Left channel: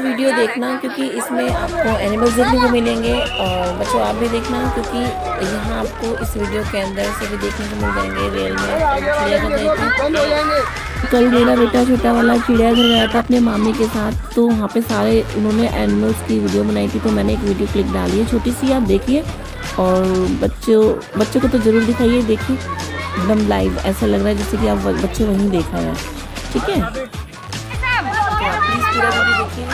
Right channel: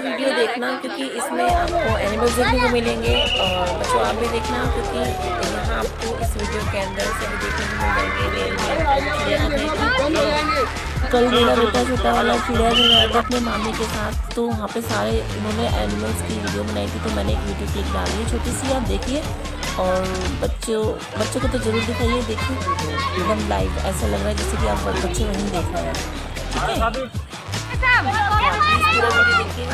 Video देखना क्योंकि इसमें आपको एनिमल्स देखने को मिलेंगे। और बच्चों आप भी देखना क्योंकि यहाँ आपको इस वीडियो के अंदर से भी देखने को मिल जाएंगे रियल में चिड़ियाघर। कल मेरा बेटा छोटा वाला चिड़ियाघर गया था अपने मामी के साथ, तो वहाँ पे सारे उन्होंने एनिमल्स की वीडियो बनाई थी, तो मैंने एक वीडियो क्लिप डाली है छोटी सी, आप देखिए। और बच्चों को तो ज़रूर दिखाइए, देखिए एकदम लाइव ऐसा लग रहा है जैसे कि आप बच्चे वहीं देखा है। ठीक है, प्लीज़ पूरा वीडियो देखिए।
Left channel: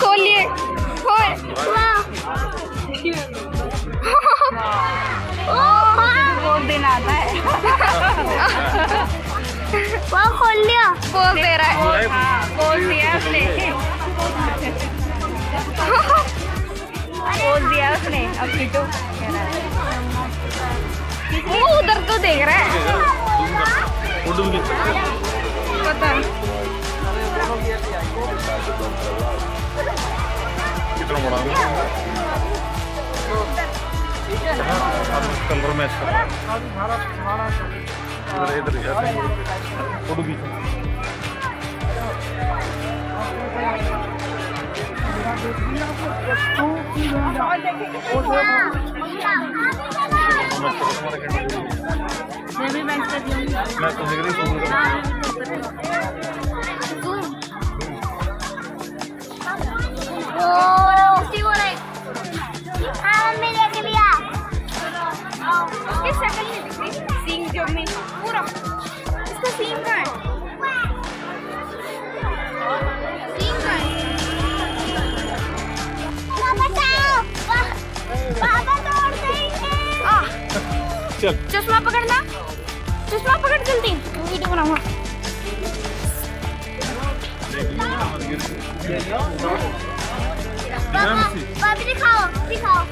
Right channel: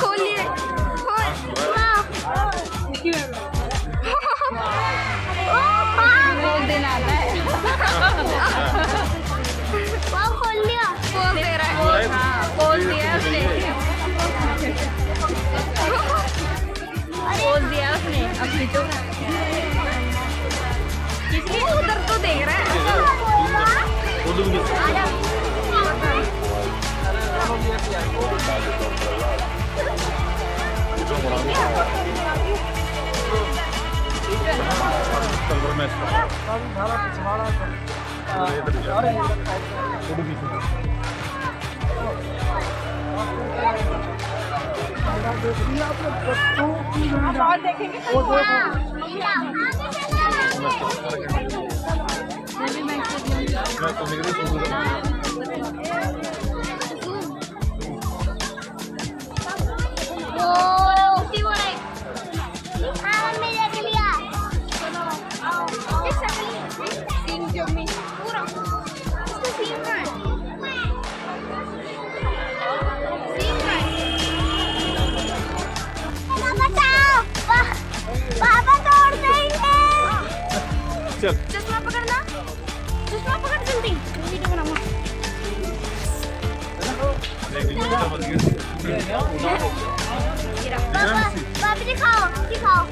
खोलिए बहुत दिन आता है। वो खोल लिया, वो दे रहा है, खोल दिया उसने, खोल दिया उसने। अब किटू वो उधर तो देख रहा है। पता नहीं कलर मैच कर रहा है इधर फोटो खींचो। मैं तो निकली चल चश्मा पकड़ना, चश्मा पकड़ जल्दी, वीडियो बनाऊंगा। दिखाओ दिखाओ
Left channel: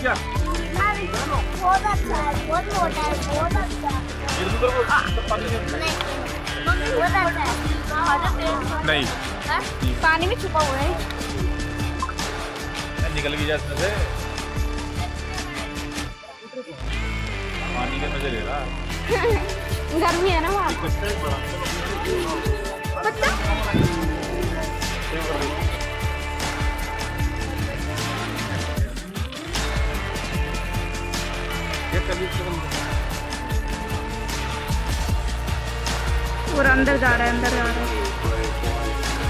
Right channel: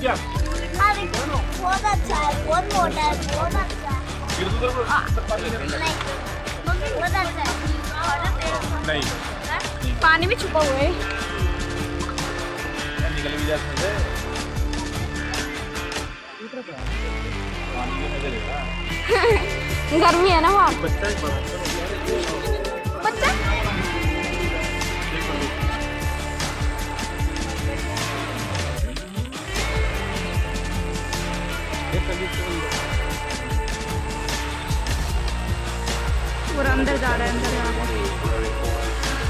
क्या बहुत अच्छा है, बहुत मोटा है, बहुत अच्छा नहीं पानी में छुपा हुआ है। निकल गई इसमें से पानी के मजे ले रहा। गर्मी है ना वहाँ। बच्चा ही बड़ा बच्चा पूरा अंदर जा रहा है, अंदर जा रहा है।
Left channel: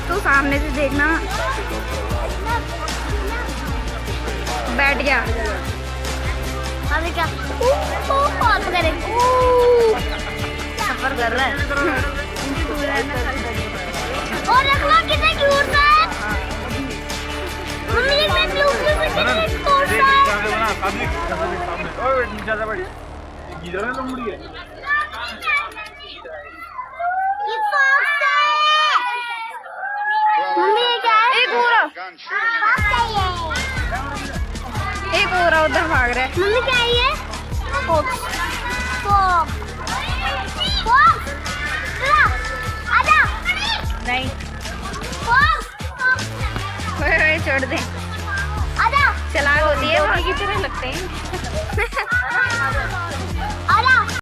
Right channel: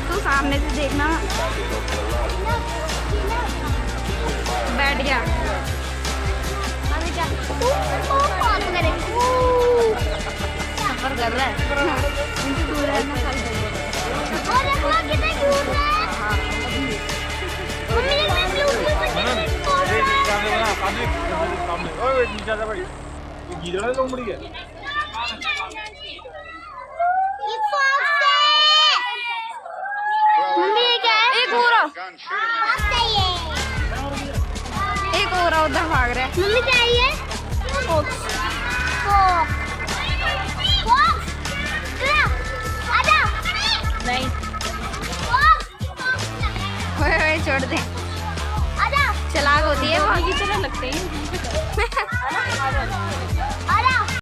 तो सामने से देखना। बैठ गया। सफर कर रहा है। एक और उधर भाग रहा है। मम्मी क्या है ये? फॉक्स। फॉक्स। फॉक्स। आजा। नहीं। फॉक्स। ओए छोड़ दे। आजा। चलाक होती है वो। लगते हैं।